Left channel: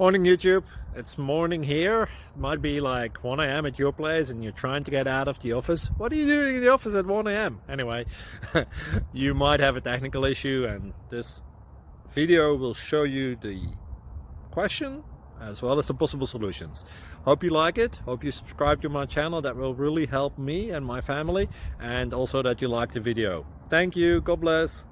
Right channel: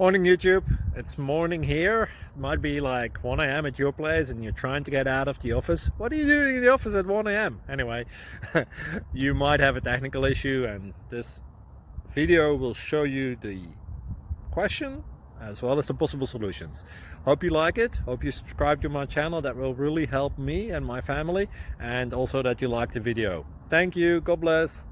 Morning YouTube, it's morning here. It might be like 1 a.m. at your place and you're trying to get out of the office. What are you doing in the office at 1 a.m.? Anyway, you might have a technical issue and this video will show you the question as well as the possible solutions. Hope you like it, hope you subscribe to my channel. That will really help me and my family, and also that you like the video. Thank you, God bless.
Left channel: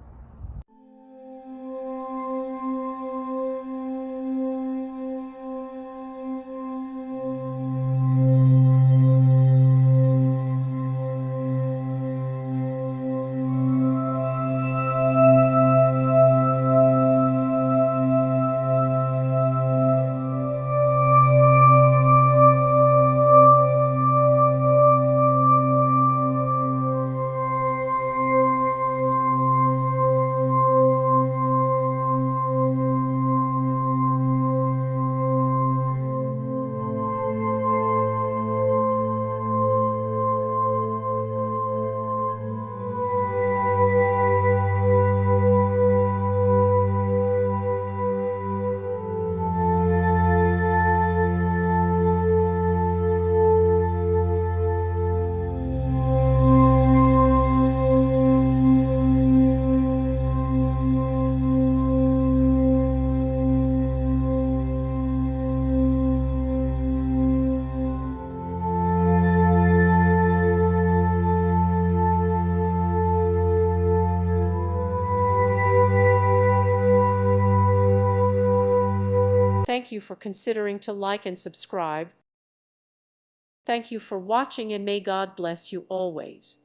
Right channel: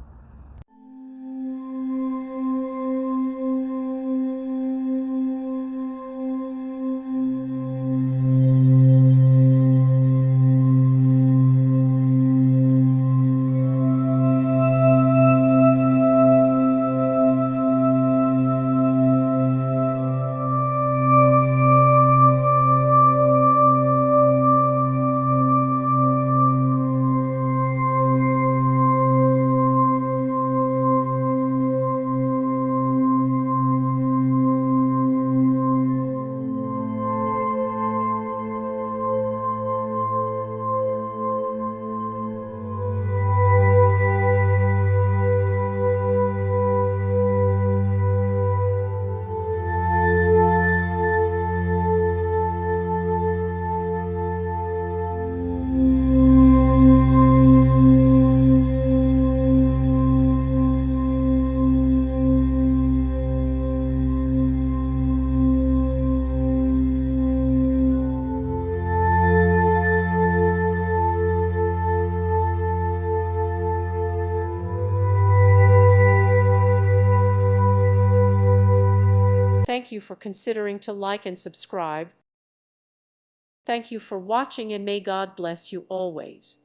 Thank you for considering to like and subscribe. Thank you for watching, and may God bless you always.